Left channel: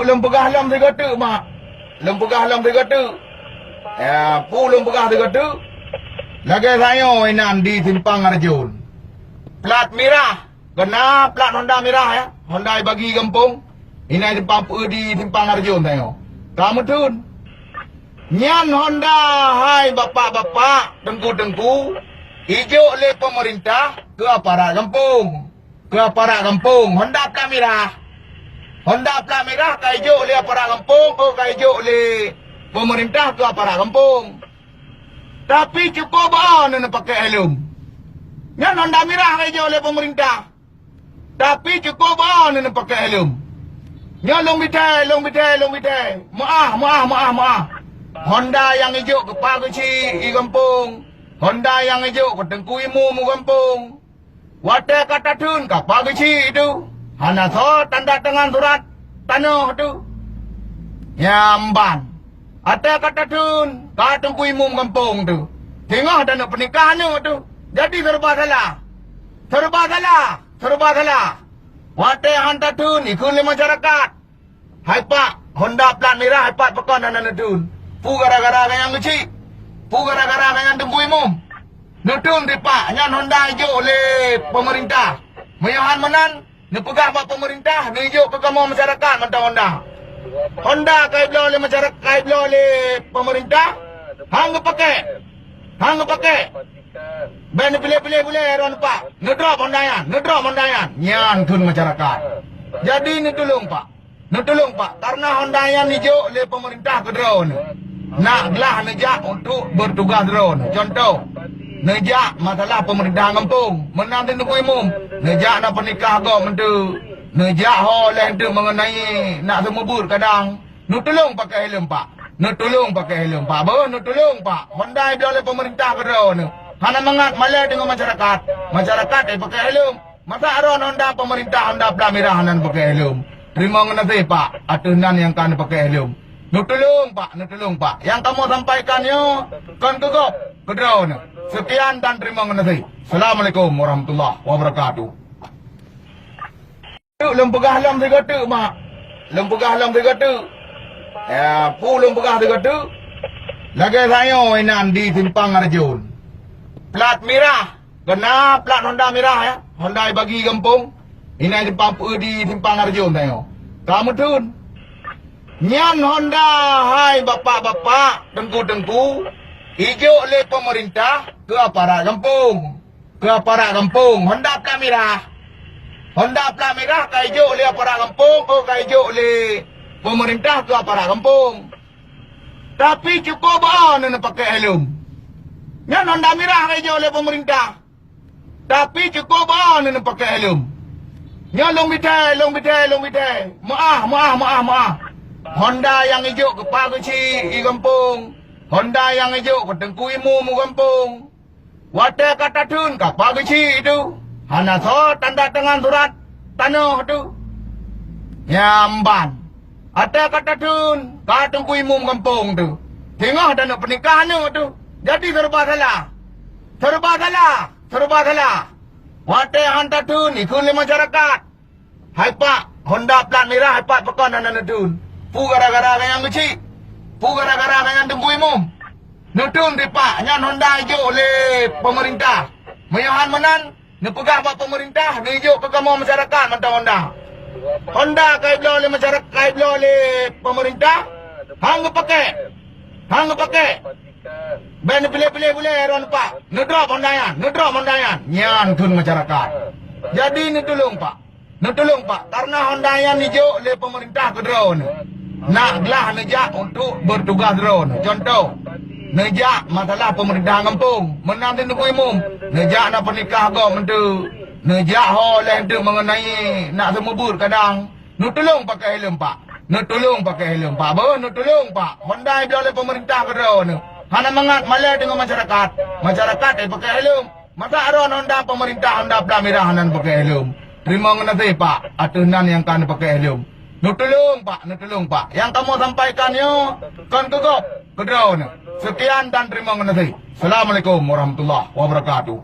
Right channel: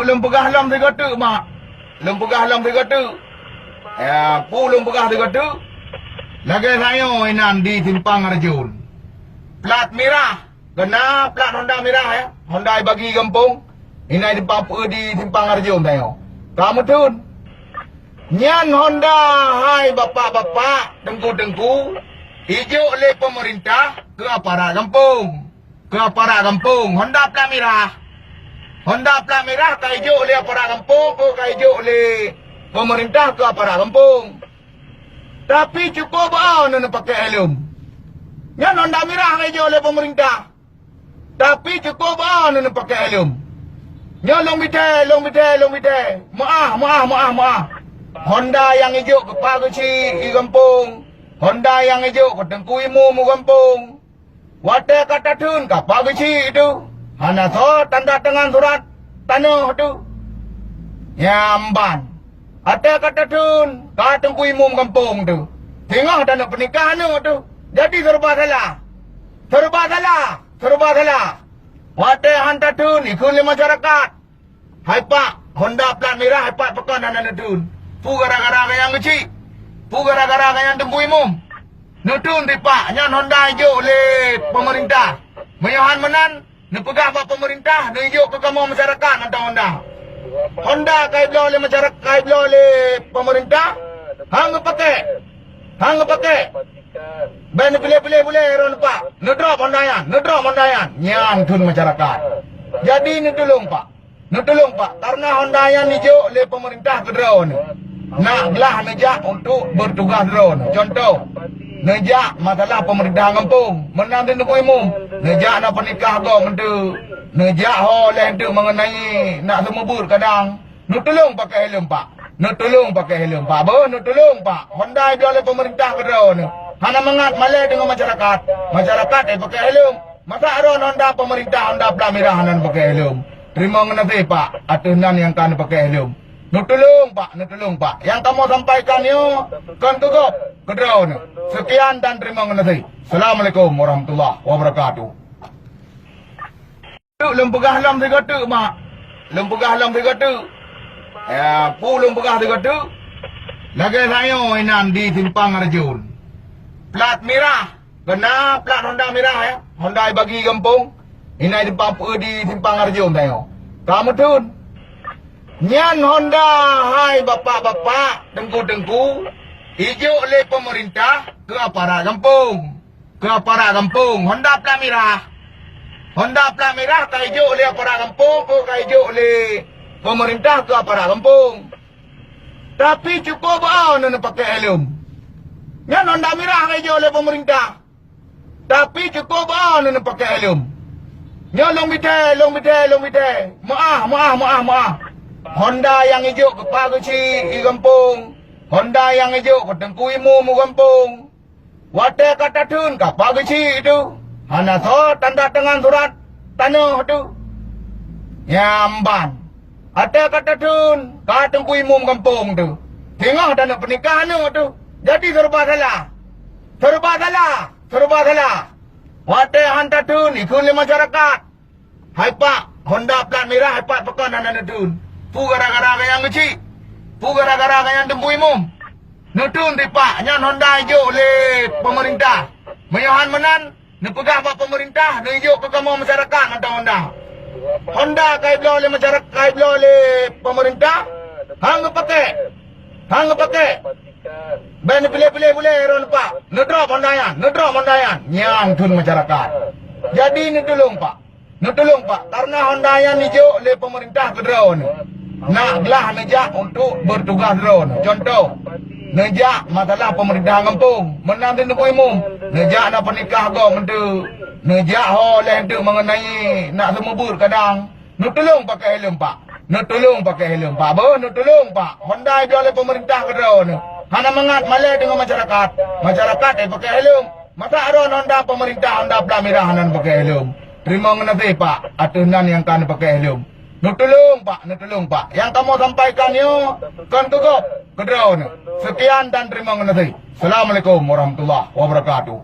Lum pegah lam tiga tu mak. Lum pegah lam tiga tu. Lum pegah tiga tu. Lagi saya inan di Simpang Arjun. Plat merah. Kena plat Honda merah ya. Honda bagi kampung. Ini di Simpang Arjun saya. Kamu tu. Nyan Honda hai bapak-bapak, tengku-tengku. Hijau oleh pemerintah ke aparat kampung. Ke aparat kampung. Honda plat merah. Honda plat merah ke hijau oleh aparat kampung ke hijau oleh pemerintah ke aparat kampung. Tapi cukup nak pakai helm. Yang Honda merah ke hijau oleh pemerintah. Tapi cukup nak pakai helm. Yang long bitai. Maaf. Honda yang hijau ke Pak Kecil di kampung. Honda yang hijau ke Tengku Imu kampung. Wadah kata tun ke Pak Kecil itu. Hana so tanda tangan surat tanah tu. Nyamban. Ada kata tun ke Tengku Imu kampung tu. Tengok tanah pernikahan tu. Jadi serba salah. Wadah hantar tun ikut masyarakat. Hai Pak, Honda plat merah, hai Pak pekan anak tun. Pu gara-gara yang kecil. Pu gara-gara yang Tengku Imu. Nutun di Pak, yang Honda hijau oleh pemerintah. Meyahan menan, dipegang buat pemerintah, hijau pegang masyarakat mentang Honda. Honda kait oleh masyarakat, kait oleh pemerintah. Hang pakai. Ben pilih boleh ron Pak. Nedrop Honda yan. Nyan tun masyarakat. Jadi ni tolong Pak. Karena Honda yang hijau oleh pemerintah ke drone. Naklah nejak untuk bertugas drone. Contoh, nejak masalah pemerintah kampung. Menang di Tengku Imu. Nejak nak pernikah kau mentu. Nejak oleh itu mengenai nak semubur kadang. Tolong pakai helm Pak. Tolong Pak. Honda dia oleh pemerintah ke drone. Hana mengat malai dengan masyarakat. Masyarakat pakai helm. Masa aron Honda pemerintah Honda plat merah hanan pakai helm. Terima kasih Pak. Aturan yang kan pakai helm. Tolong Pak. Yang kamu sampaikan kan tutup ke drone. Sekian dan terima kasih. Assalamualaikum warahmatullahi wabarakatuh. Lum pegah lam tiga tu mak. Lum pegah tiga tu. Lagi saya inan di Simpang Arjun. Plat merah. Kena plat Honda merah ya. Honda bagi kampung. Ini di Simpang Arjun saya. Kamu tu. Nyan Honda hai bapak-bapak, tengku-tengku. Hijau oleh pemerintah ke aparat kampung. Honda plat merah ke hijau oleh aparat kampung ke hijau oleh pemerintah ke aparat kampung. Tapi cukup nak pakai helm. Nyan Honda merah ke hijau oleh pemerintah. Tapi cukup nak pakai helm. Nyan long bitai. Maaf. Honda yang hijau ke Pak Kecil di kampung. Honda yang hijau ke Tengku Imu kampung. Wadah kata tun ke Pak Kecil itu. Hana so tanda tangan surat tanah tu. Nyamban. Ada kata tun ke Tengku Imu kampung tu. Tengok tanah pernikahan tu. Jadi serba salah. Wadah hantar tun ikut masyarakat. Hai Pak, Honda plat merah, hai Pak pekan anak tun. Pu gara-gara yang kecil. Pu gara-gara yang Tengku Imu. Nutun di Pak, yang Honda hijau oleh pemerintah. Meyahan menan, dipegang buat pemerintah, hijau pegang masyarakat mentang Honda. Honda kait oleh masyarakat, kait oleh pemerintah. Hang pakai. Ben pilih boleh ron Pak. Nedrop Honda yan. Nyan tun masyarakat. Jadi ni tolong Pak. Karena Honda yang hijau oleh pemerintah ke drone. Naklah nejak untuk bertugas drone. Contoh, nejak masalah pemerintah kampung. Menang di Tengku Imu. Nejak nak pernikah kau mentu. Nejak oleh itu mengenai nak semubur kadang. Tolong pakai helm Pak. Tolong Pak. Honda dia oleh pemerintah ke drone. Hana mengat malai dengan masyarakat. Masyarakat pakai helm. Masa aron Honda pemerintah Honda plat merah hanan pakai helm. Terima kasih Pak. Aturan yang kan pakai helm. Tolong Pak. Yang kamu sampaikan kan tutup ke drone. Sekian dan terima kasih. Assalamualaikum warahmatullahi wabarakatuh.